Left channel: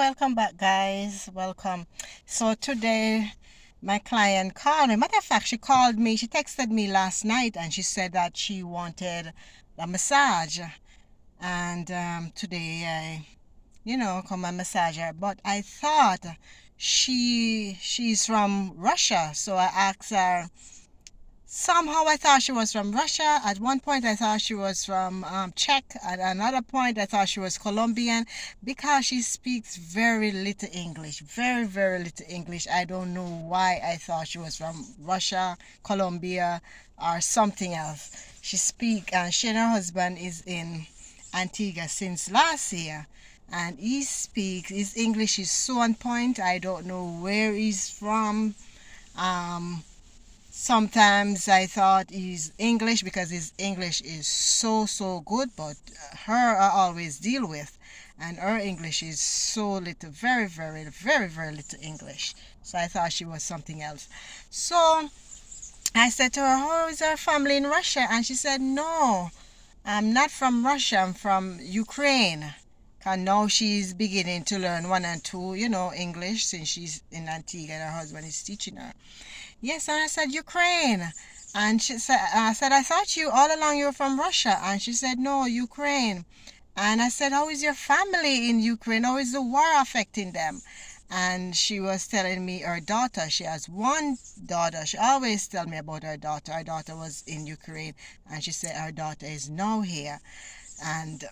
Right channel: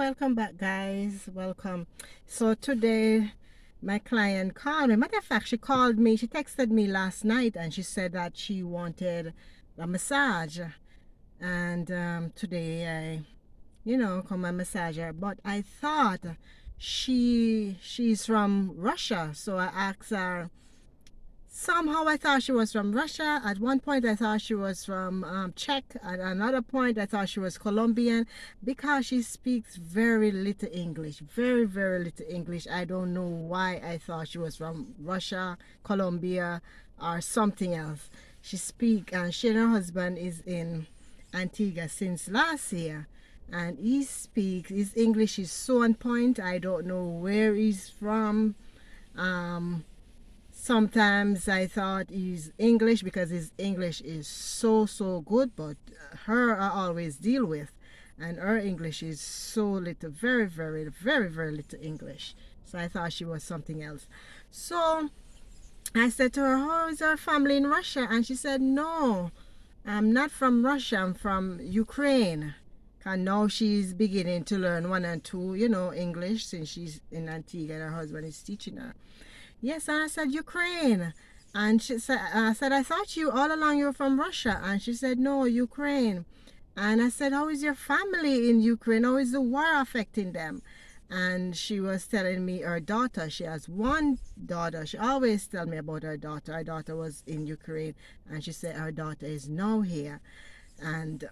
welcome back, guys. Welcome. So today, my client called me. Matter of fact, she called me. She texted me last night, and she said that she wanted a massage. And today, come and massage her. But I thought she's from Russia, so I asked her. Somehow I thought she was from Russia. At one point I thought she was from Czech. At another point I thought she was Colombian because she speaks very little English. Very, very little English. I don't know why I thought she was from Russia, Colombia, or something else. She and her husband is in Antigua since last year. And his English is so on point. I don't know where he's from. Um, Sometimes I thought he's English because his English is so good, but her I always deal with, and her English is so little, very little English. So I thought she was something else. So I said to her, "How is her family in Russia?" And she said, "No, I'm not from Russia. I'm from Ukraine." And now she's beginning to learn one and two, English since she's in Antigua and her husband is teaching her. Yes, and I said, Ukraine. And I said, I thought you all along you were from Russia. And she said, no, Ukraine. And I said, how is your family in Ukraine? How is the war affecting them? And she was telling me her daughter, she has one daughter. She always tell me about her daughter. Her daughter was in Ukraine, and she said her daughter is now here. And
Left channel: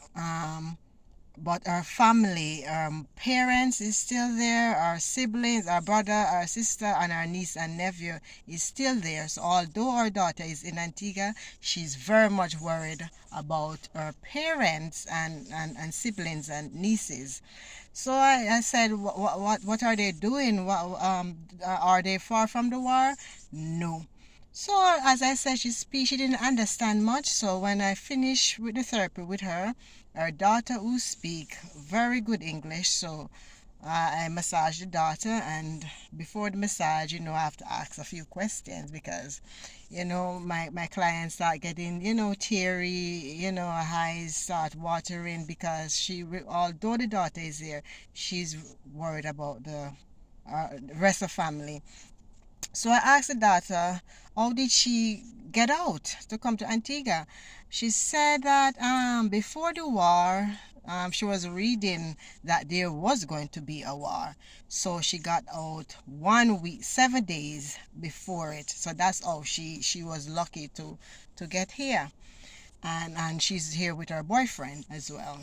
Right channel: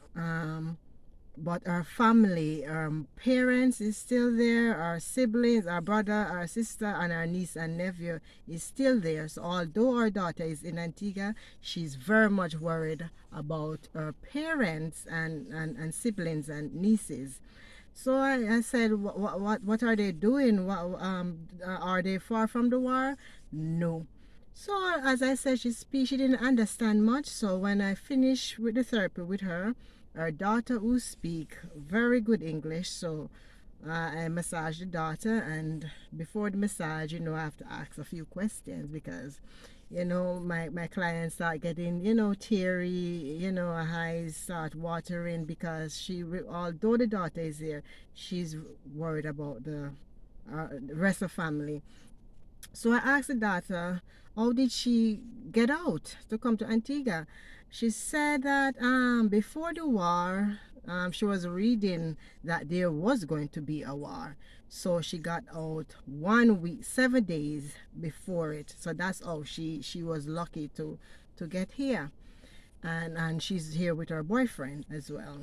but our family, our parents is still there, our siblings, our brother, our sister, and our niece and nephew is still there. So although our daughter is in Antigua, she's very much worried about her parents and siblings and nieces. So I said, what are they doing? Are they far from the war? No. So as I said, she didn't understand much. So when I finished with the therapy with her daughter who speak very good English, so I massaged the daughter, and before the massage, I have to ask a few questions because, my clients start getting, teary, eyes start watering because although the daughter is there, she's worried about the rest of family. So I asked the daughter, how did she get out to come to Antigua? She said that before the war, she was reading that there was going to be a war. So she got out 1 week, 7 days before it. So that's how she was lucky to get here. And she's here with her boyfriend as well.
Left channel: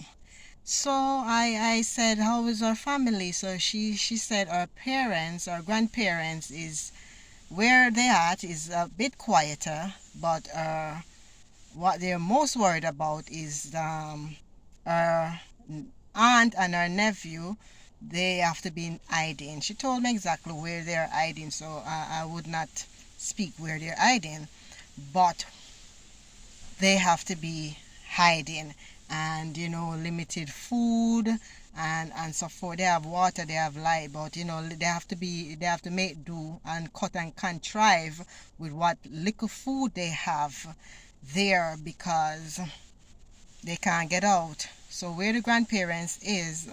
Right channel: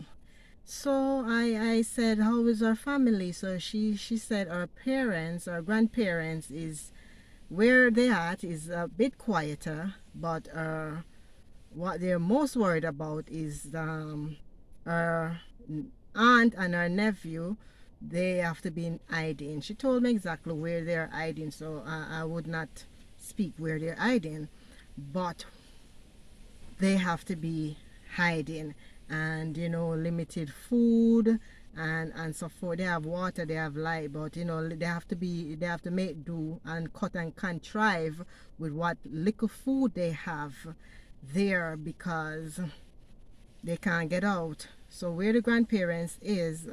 So I said, how is her family? So she said her parents, her grandparents is where they at is a bit quieter, but what they're most worried about is her aunt and her nephew. They have to be in hiding. She told me exactly where they're hiding, so I would not speak where they're hiding, but they have to be hiding, and limited food and so forth. They have water, they have light, but they have to make do and cut and contrive with what little food they have there because they can't get out. So where the grandparents is,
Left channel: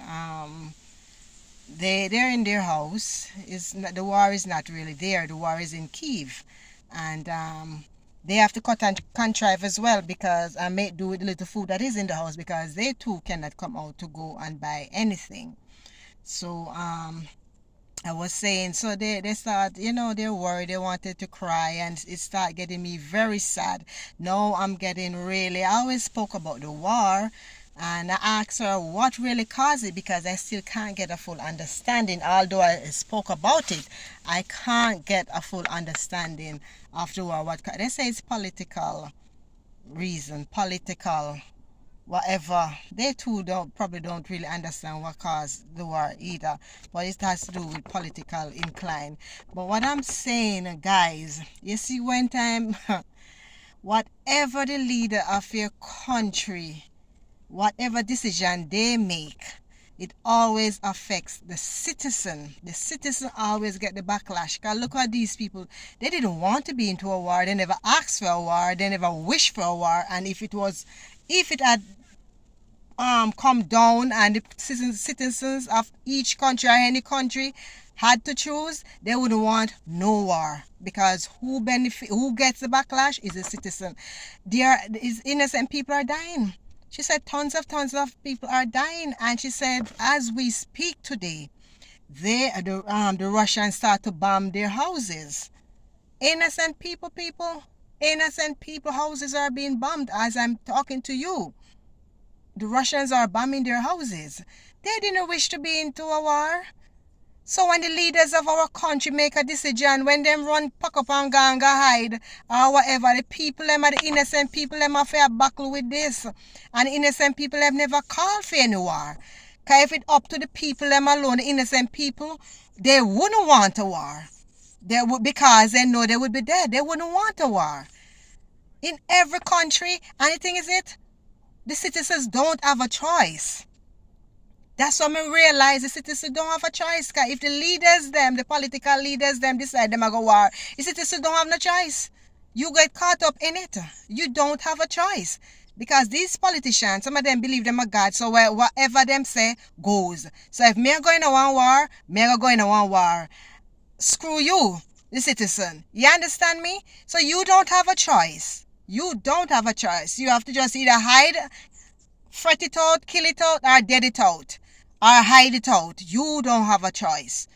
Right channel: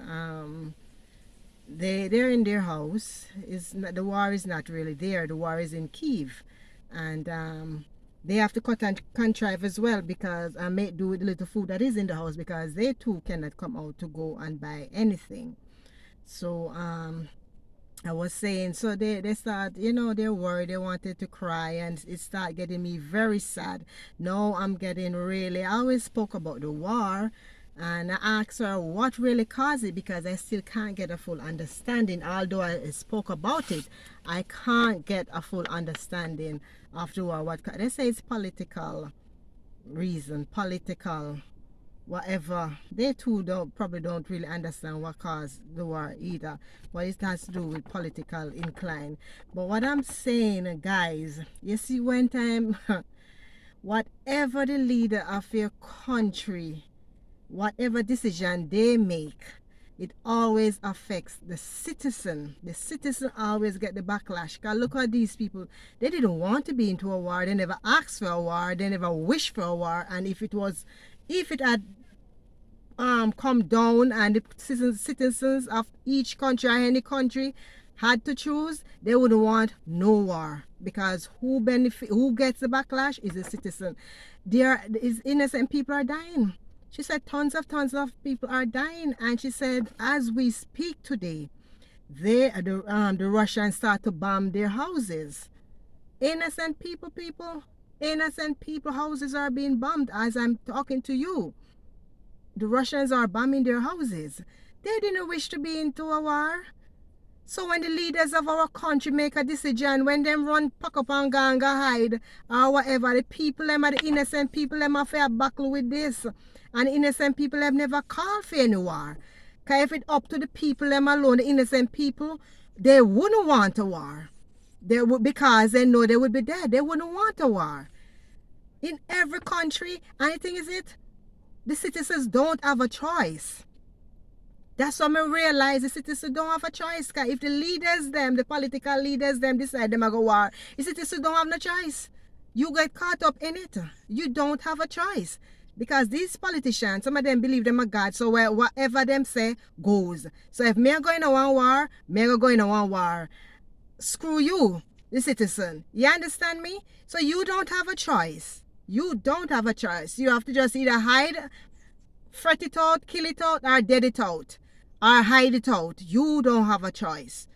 they're in their house. Is the war is not really there. The war is in Kiev, and they have to cut and contrive as well because I make do with the little food that is in the house because they too cannot come out to go and buy anything. So I was saying, so they start, they're worried, they wanted to cry, and it started getting me very sad. Now I'm getting really, I always spoke about the war, and I asked her what really caused it because I still can't get a full understanding. Although I spoke about it, I can't get a full understanding of the war. They say it's political reason, political whatever. They too probably don't really understand what caused the war either, but it has to do with political incline. But what I'm saying, guys, you see, one time whatever the leader of your country, whatever decision they make, it always affects the citizen. The citizen always get the backlash. Because look at these people. They didn't want to be into a war. They never asked for a war. They never wished for a war. And if it had come down and the citizens of each country or any country had to choose, they would want no war, because who gets the backlash is the citizen. There is innocent people are dying. She said tons of people are dying, and she said as we speak today, the Russians start to bomb their houses. Innocent innocent people houses are being bombed as I'm talking to you. The Russians are bombing their houses. They didn't wish to be into a war. So when the leaders of our country make a decision, when them run pack up and go hide or whatever, the people them are the innocent people them have to battle with this. And innocent people have never called for any war. Because if it up to the people them alone, the innocent people, they wouldn't want a war. They would, because they know they would be dead. They wouldn't want a war. In every country, and the thing is the citizens don't have a choice. That's what I realize the citizens don't have a choice. Cause if the leaders, the political leaders, decide them to go war, the citizens don't have no choice. You get caught up in it. You don't have a choice. Because these politicians, some of them believe them a God, so whatever them say goes. So if me are going to one war, me are going to one war. Screw you, the citizen. You understand me? So you don't have a choice. You don't have a choice. You have to just either hide, fret it out, kill it out, or dead it out, or hide it out. You don't have a choice.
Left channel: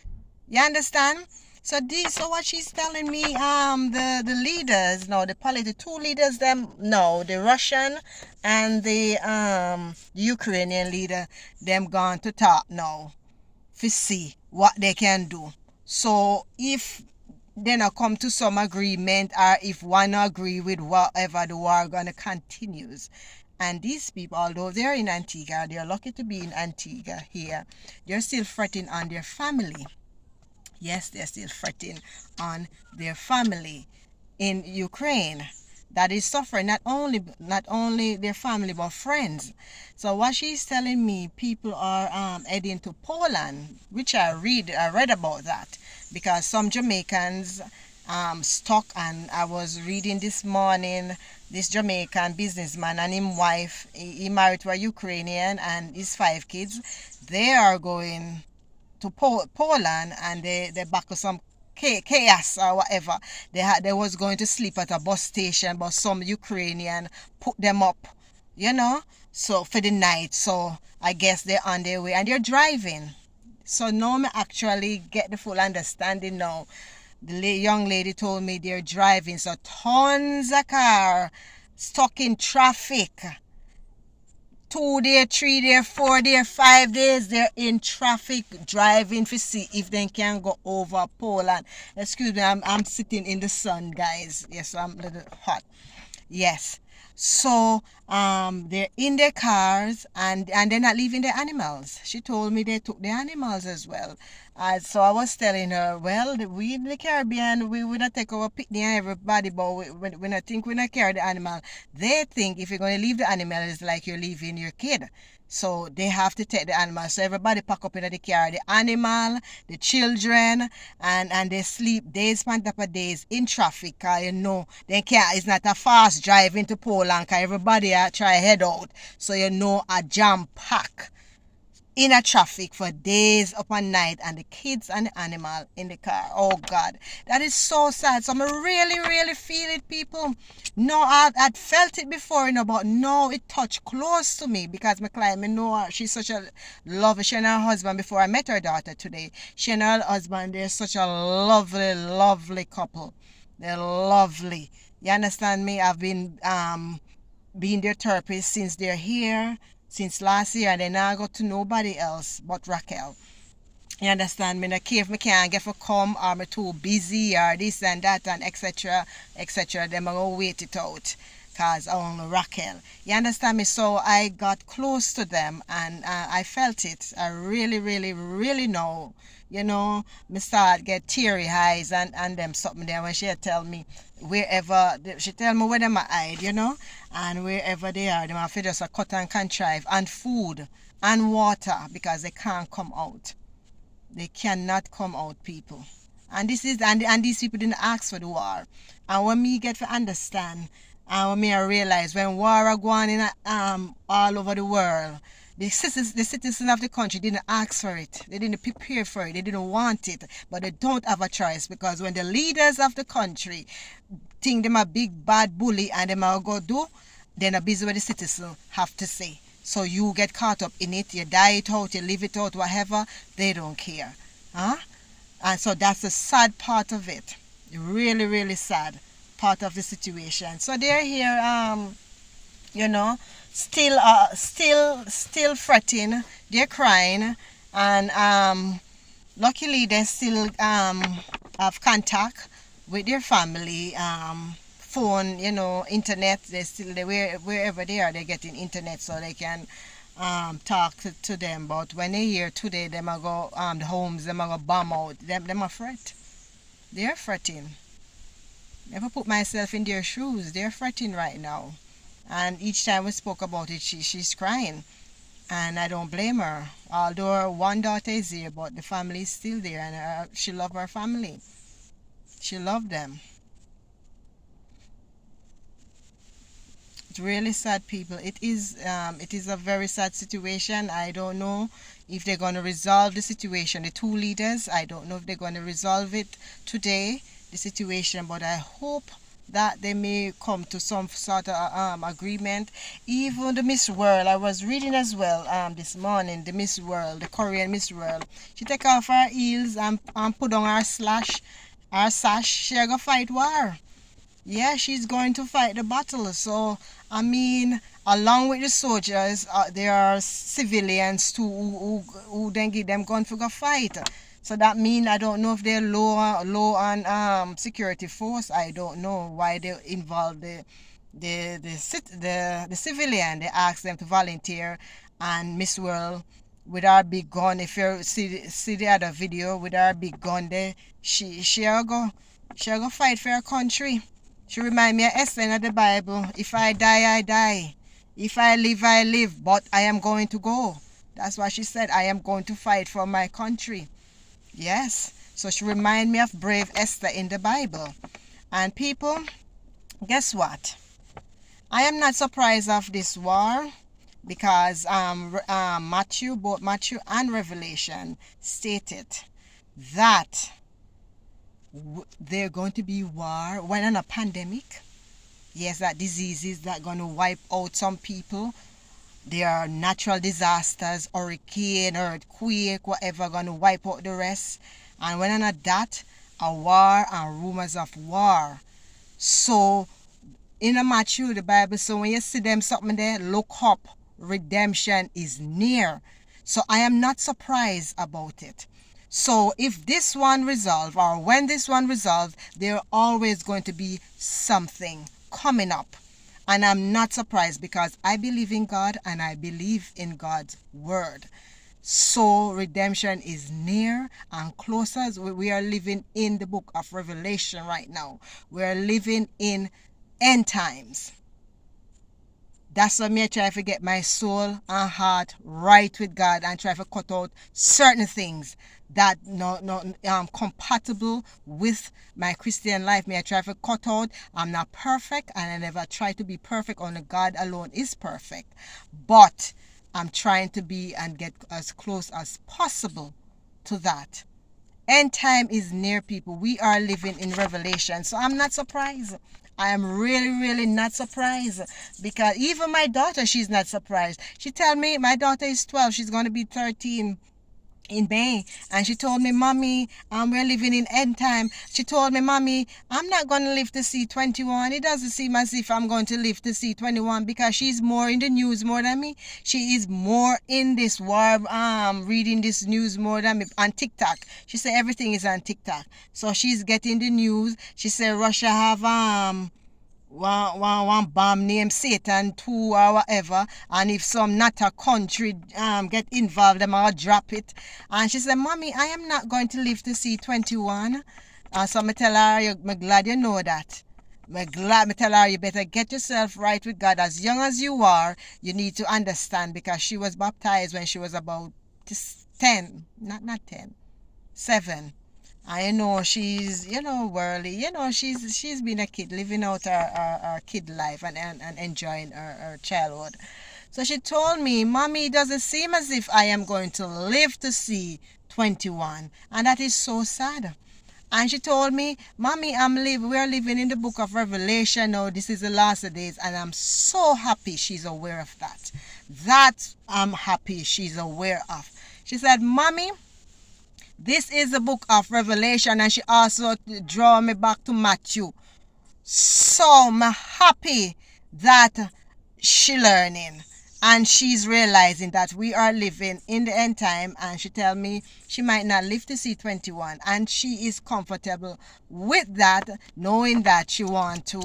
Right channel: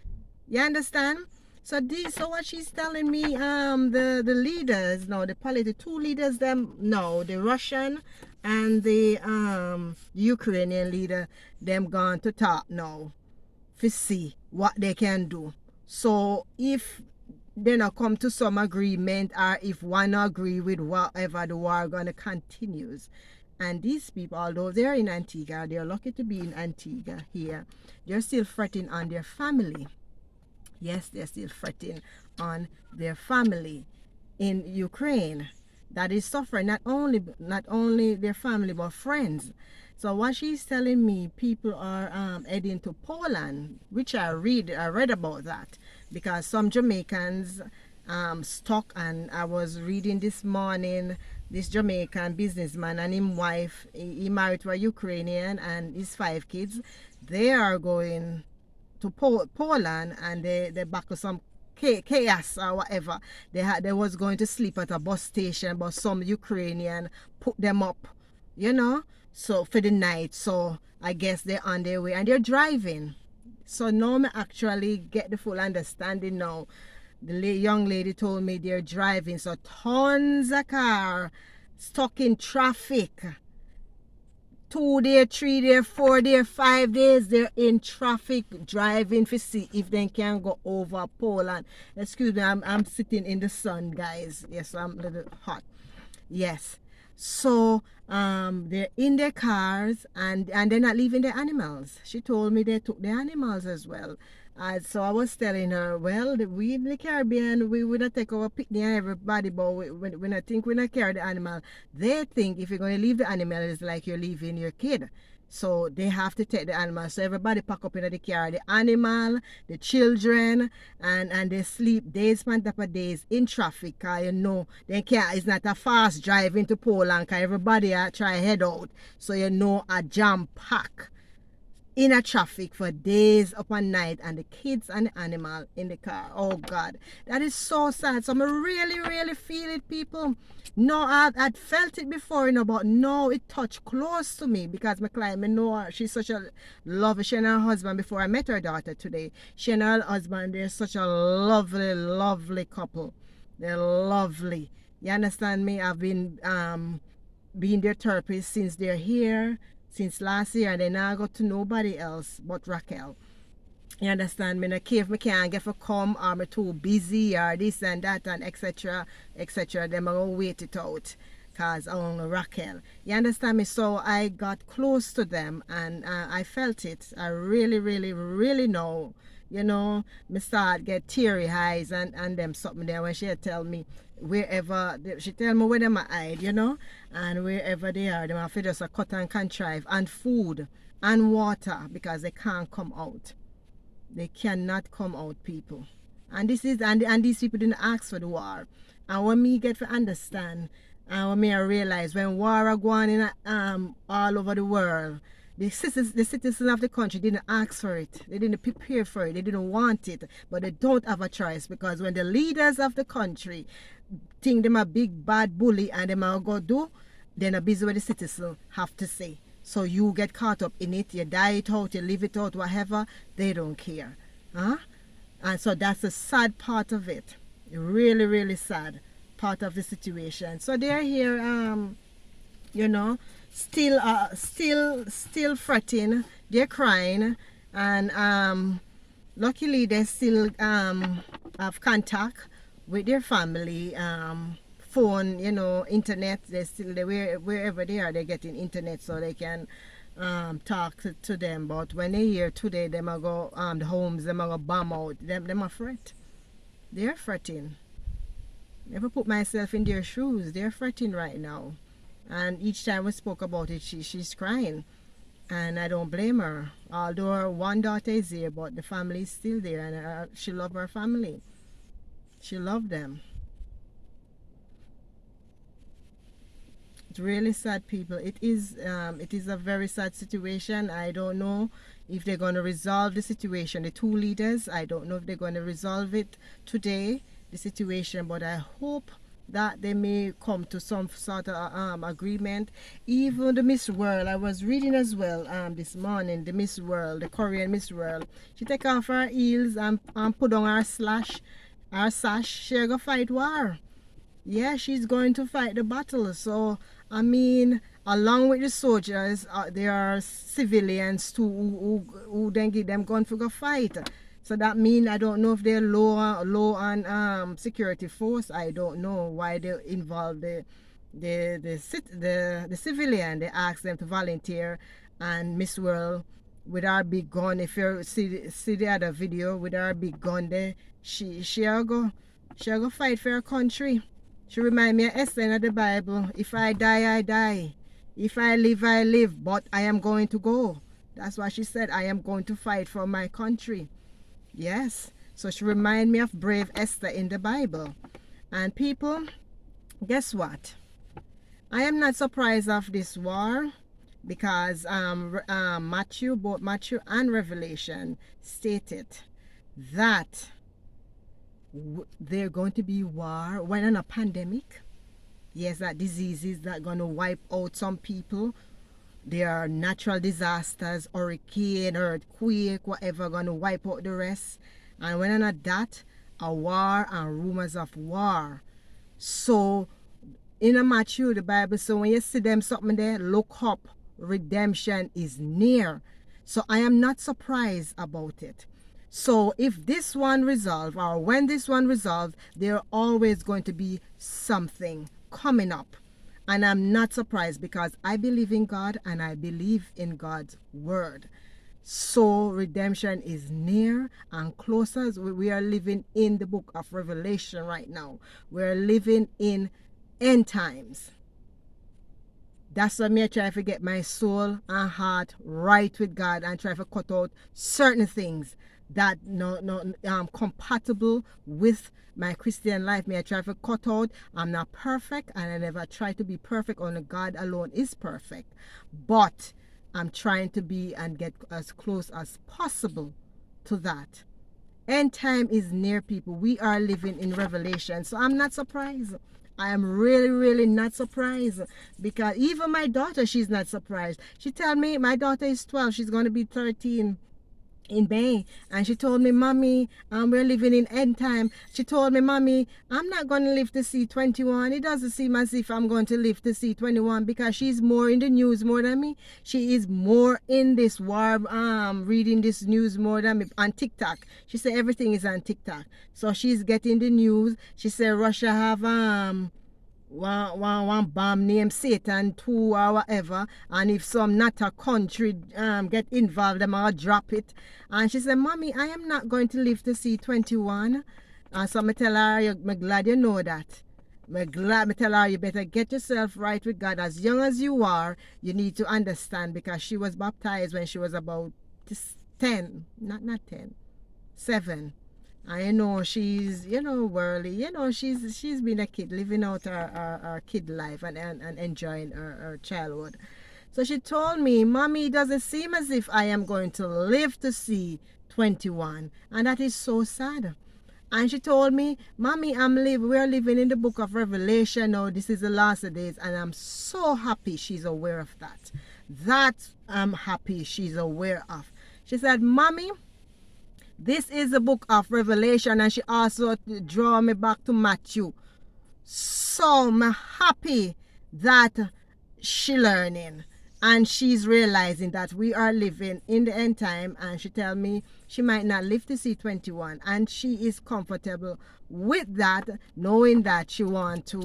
You understand? So what she's telling me, the leaders, no, the two leaders, the Russian and the Ukrainian leader, them gone to talk now to see what they can do. So if they not come to some agreement, or if one agree with whatever, the war gonna continues. And these people, although they're in Antigua, they're lucky to be in Antigua here, they're still fretting on their family. Yes, they're still fretting on their family in Ukraine that is suffering, not only their family but friends. So what she's telling me, people are heading to Poland, which I read about that, because some Jamaicans stuck. And I was reading this morning, this Jamaican businessman and his wife, he married to a Ukrainian and his 5 kids. They are going to Poland, and they back to some chaos or whatever. They was going to sleep at a bus station, but some Ukrainian put them up, so for the night. So I guess they're on their way and they're driving. So now I actually get the full understanding now. The young lady told me they're driving, so tons of car stuck in traffic. 2 days, 3 days, 4 days, 5 days, they're in traffic driving to see if they can go over Poland. Excuse me, I'm sitting in the sun, guys. Yes, I'm a little hot. Yes. So they're in their cars, and they're not leaving their animals. She told me they took their animals as well. So I was telling her, well, we in the Caribbean, we would not take our picnic and everybody, but we not think we not carry the animal. They think if you're going to leave the animal, it's like you're leaving your kid. So they have to take the animal. So everybody pack up in the car, the animal, the children, and they sleep days on top of days in traffic. Cause they can't. It's not a fast drive into Poland. Cause everybody try head out. So a jam pack in a traffic for days upon night, and the kids and the animal in the car. Oh God, that is so sad. So I really feel it, people. No, I'd felt it before, but no, it touched close to me, because my client, I know her, she's such a lovely. She and her husband, before I met her daughter today, she and her husband, they're such a lovely couple. They're lovely. You understand me? I've been being their therapist since they're here, since last year, and then I got to nobody else but Raquel. You understand me? I care if me can't get for come, or I'm too busy, or this and that, and etc. Then I'm going to wait it out, because only Raquel. You understand me? So I got close to them, and I felt it. I really know. Me start get teary eyes and them something there when she tell me wherever, she tell me where them are hide, and wherever they are, them have to just cut and contrive, and food and water, because they can't come out. They cannot come out, people. And this is and these people didn't ask for the war. And when me get to understand, and when me I realize when war are going in all over the world, The citizens of the country didn't ask for it. They didn't prepare for it. They didn't want it. But they don't have a choice, because when the leaders of the country think them a big bad bully and them are go do, then a busy what the citizens have to say. So you get caught up in it, you die it out, you live it out, whatever, they don't care. Huh? And so that's the sad part of it. Really, really sad part of the situation. So they're here, you know, still fretting, they're crying, and luckily they still have contact with their family, phone, you know, internet. Wherever they are, they're getting internet so they can talk to them. But when they hear today them a go the homes them a go bomb out, them a fret. They're fretting. Never put myself in their shoes. They're fretting right now. And each time we spoke about it, she's crying. And I don't blame her. Although one daughter is here, but the family is still there, and she loves her family. She loved them. It's really sad, people. It is a very sad situation. I don't know if they're going to resolve the situation. The two leaders, I don't know if they're going to resolve it today, the situation, but I hope that they may come to some sort of agreement. Even the Miss World, I was reading as well this morning, the Miss World, the Korean Miss World, she take off her heels and put on her sash. She go fight war. Yeah, she's going to fight the battle. So I mean, along with the soldiers, there are civilians too who then give them gun for go fight. So that mean I don't know if they're low on security force. I don't know why they involve the civilian. They ask them to volunteer, and Miss World with our big gun. If you see the other video with our big gun there, she'll go fight for her country. She remind me of Esther in the Bible. If I die, I die. If I live, I live. But I am going to go. That's why she said, I am going to fight for my country. Yes. So she remind me of brave Esther in the Bible. And people, guess what? I am not surprised of this war, because both Matthew and Revelation stated that they're going to be war when in a pandemic. Yes, that diseases that going to wipe out some people. There are natural disasters, hurricane, earthquake, whatever, going to wipe out the rest. And when not that, a war and rumors of war. So in a Matthew, the Bible, so when you see them something there, look up. Redemption is near. So I am not surprised about it. So if this one resolves, or when this one resolves, there always going to be something coming up. And I'm not surprised, because I believe in God and I believe in God's word. So redemption is near and closer. As we are living in the book of Revelation right now. We are living in end times. That's why I try to get my soul and heart right with God, and try to cut out certain things that not compatible with my Christian life. I try to cut out. I'm not perfect, and I never try to be perfect. Only God alone is perfect. But I'm trying to be and get as close as possible to that. End time is near, people. We are living in Revelation. So I'm not surprised. I am really, really not surprised, because even my daughter, she's not surprised. She tell me, my daughter is 12. She's going to be 13 in May, and she told me, Mommy, we're living in end time. She told me, Mommy, I'm not going to live to see 21. It doesn't seem as if I'm going to live to see 21, because she's more in the news more than me. She is more in this war, reading this news more than me on TikTok. She said everything is on TikTok, so she's getting the news. She said Russia have one bomb named Satan 2 or whatever, and if some not a country get involved, them all drop it. And she said, Mommy, I am not going to live to see 21. So I tell her, I'm glad you know that. I'm glad. I tell her, you better get yourself right with God. As young as you are, you need to understand, because she was baptized when she was about 10, not 10, 7. I know she's, worldly. She's been a kid, living out her kid life and enjoying her childhood. So she told me, Mommy, it doesn't seem as if I am going to live to see 21. And that is so sad. And she told me, Mommy, we're living in the book of Revelation now. This is the last of days. And I'm so happy she's aware of that. That I'm happy she's aware of. She said, Mommy, this is the book of Revelation. And she also draw me back to Matthew. So I'm happy that she learning. And she's realizing that we are living in the end time, and she tell me she might not live to see 21, and she is comfortable with that, knowing that she want to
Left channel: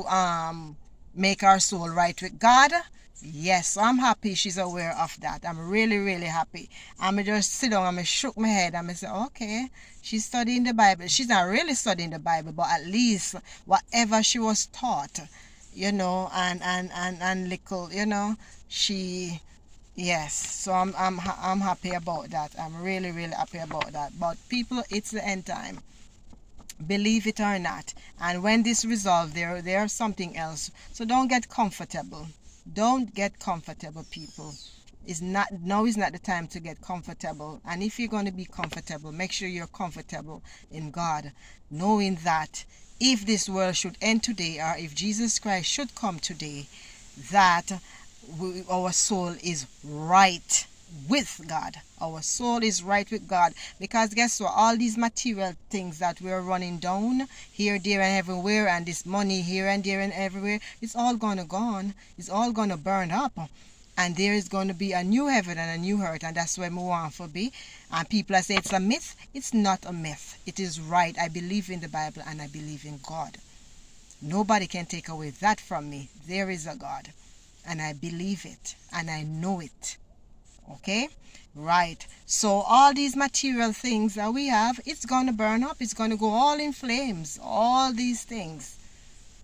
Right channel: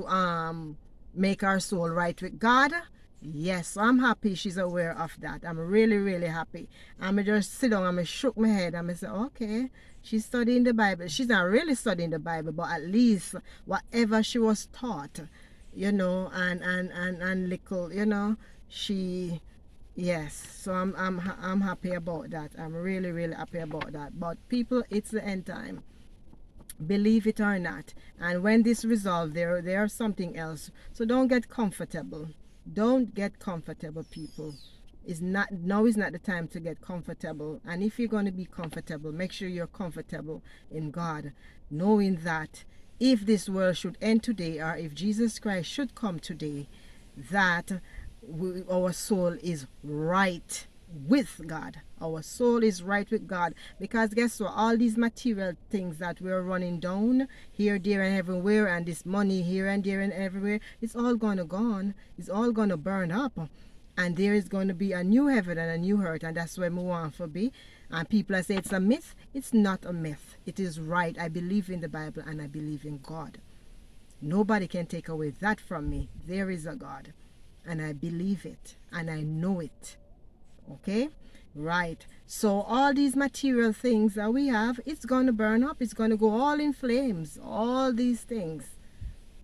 make her soul right with God. Yes, I'm happy she's aware of that. I'm really, really happy. I'm just sit down and I shook my head and I say, okay, she's studying the Bible. She's not really studying the Bible, but at least whatever she was taught, and little, she, yes. So I'm happy about that. I'm really, really happy about that. But people, it's the end time, believe it or not. And when this resolved, there's something else. So don't get comfortable. Don't get comfortable, people. Now is not the time to get comfortable. And if you're going to be comfortable, make sure you're comfortable in God, knowing that if this world should end today, or if Jesus Christ should come today, that our soul is right with God. Our soul is right with God. Because guess what? All these material things that we're running down here, there, and everywhere, and this money here and there and everywhere, it's all gonna gone. It's all gonna burn up. And there is going to be a new heaven and a new earth, and that's where we want to be. And people say it's a myth. It's not a myth. It is right. I believe in the Bible and I believe in God. Nobody can take away that from me. There is a God, and I believe it and I know it. Okay? Right. So all these material things that we have, it's going to burn up. It's going to go all in flames. All these things.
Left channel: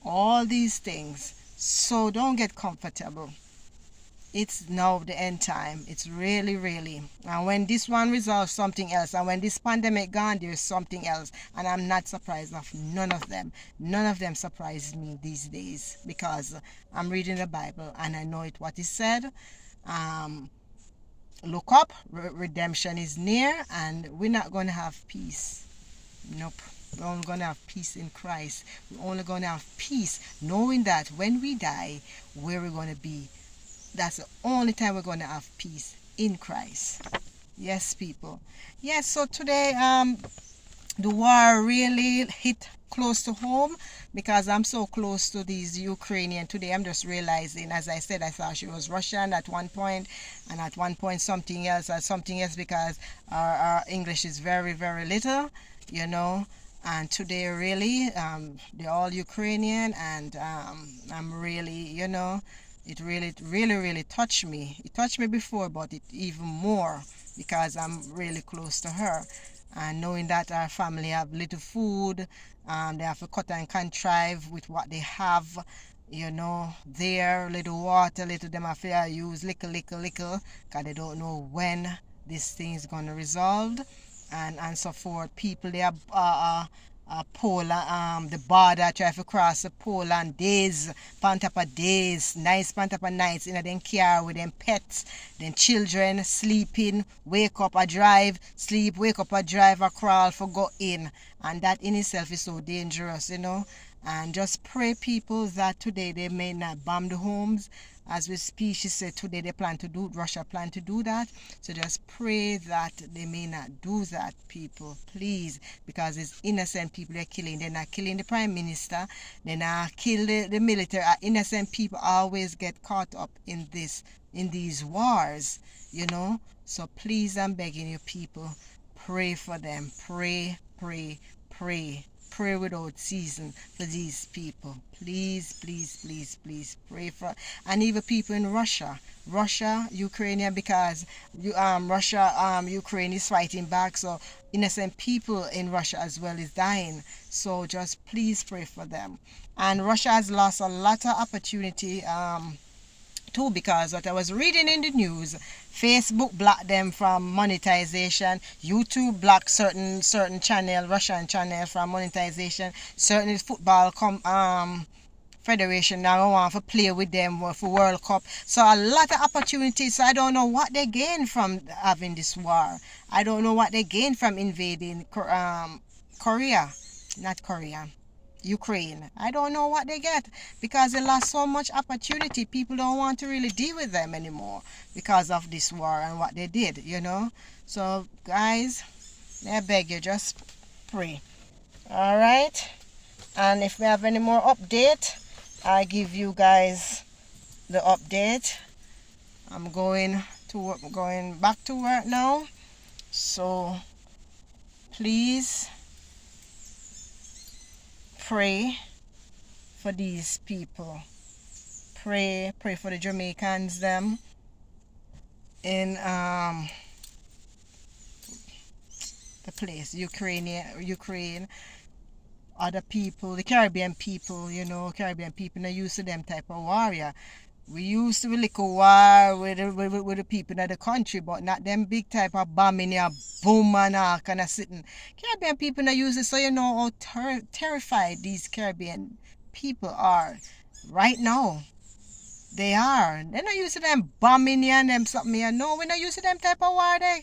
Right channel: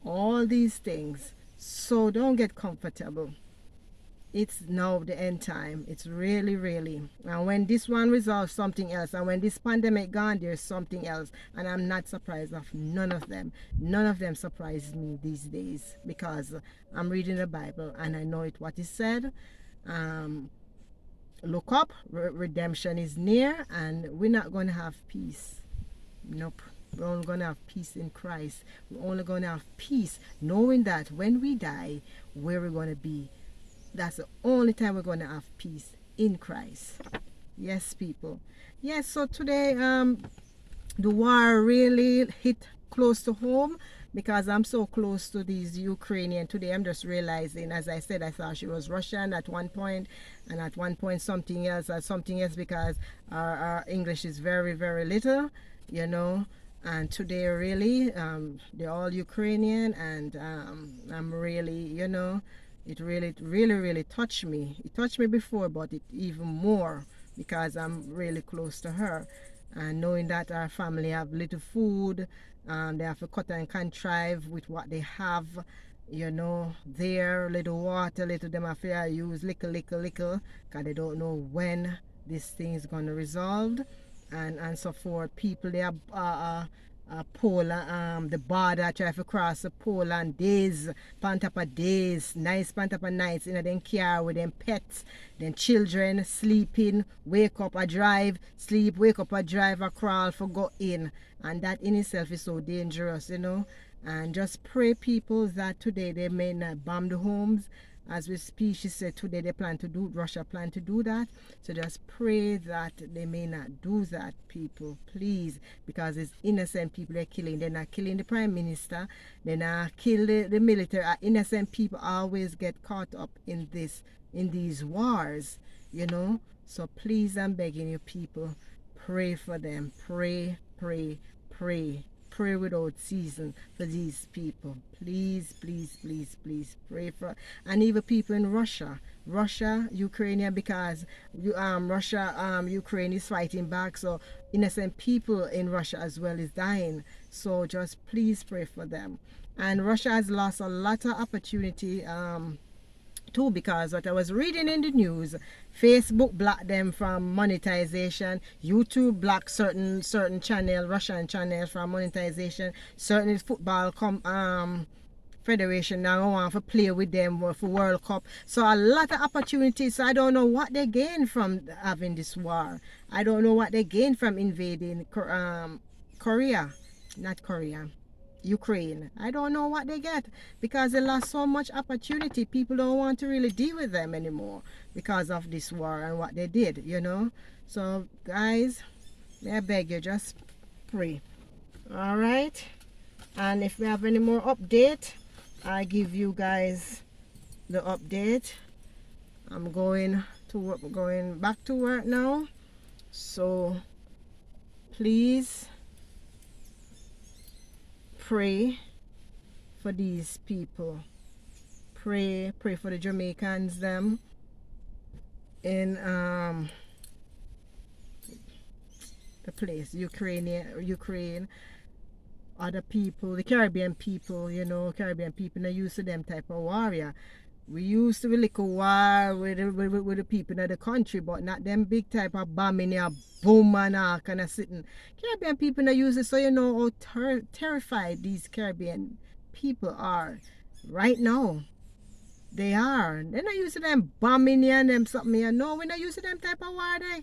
All these things. So don't get comfortable. It's now the end time. It's really, really. And when this one resolves, something else. And when this pandemic gone, there's something else. And I'm not surprised of none of them. None of them surprise me these days, because I'm reading the Bible and I know it what it said. Look up, redemption is near, and we're not going to have peace. Nope. We're only going to have peace in Christ. We're only going to have peace knowing that when we die, where we're going to be. That's the only time we're going to have peace, in Christ. Yes, people. Yes, so today the war really hit close to home, because I'm so close to these Ukrainian. Today I'm just realizing, as I said, I thought she was Russian at one point, and at one point something else, because our English is very, very little, and today really they're all Ukrainian, and I'm really, it really, really, really touched me. It touched me before, but it even more because I'm really close to her. And knowing that our family have little food, they have to cut and contrive with what they have, there, little water, little them have to use little, because they don't know when this thing is going to resolve, and so forth. People, they are Poland, the border, try to cross the Poland days, pan top of days, nights, pan top of nights, in them car with them pets, then children sleeping, wake up a drive, sleep, wake up a drive, a crawl for go in. And that in itself is so dangerous, And just pray, people, that today they may not bomb the homes. As we speak, she said today Russia plan to do that. So just pray that they may not do that, people, please, because it's innocent people they're killing. They're not killing the prime minister. They're not killing the military. Innocent people always get caught up in these wars, So please, I'm begging you, people, pray for them. Pray, pray, pray. Pray without season for these people. Please, please, please, please pray for, and even people in Russia, Ukrainian, because Russia, Ukraine is fighting back, so innocent people in Russia as well is dying. So just please pray for them. And Russia has lost a lot of opportunity too, because what I was reading in the news, Facebook blocked them from monetization, YouTube blocked certain channel, Russian channel, from monetization, certain federation now want to play with them for World Cup. So a lot of opportunities. So I don't know what they gain from having this war. I don't know what they gain from invading Korea, not Korea, Ukraine. I don't know what they get because they lost so much opportunity. People don't want to really deal with them anymore because of this war and what they did, you know. So guys, I beg you, just pray. All right. And if we have any more update, I give you guys the update. I'm going to work, going back to work now. So please pray for these people. Pray for the Jamaicans them in the place, Ukraine, other people, the Caribbean people, you know, Caribbean people not used to them type of warrior. We used to be like a war with the people in the country, but not them big type of bombing here, boom and all kind of sitting. Caribbean people not used it, so you know how terrified these Caribbean people are right now. They are. They're not used to them bombing here and them something here. No, we're not used to them type of war there.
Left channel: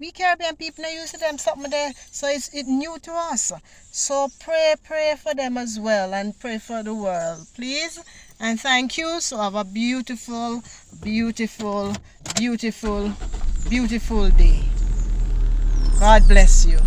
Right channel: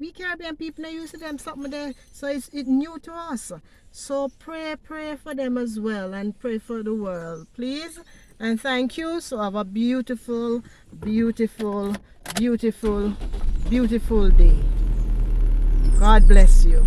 We Caribbean people not used to them something there, so it's new to us. So pray for them as well, and pray for the world, please. And thank you. So have a beautiful, beautiful, beautiful, beautiful day. God bless you.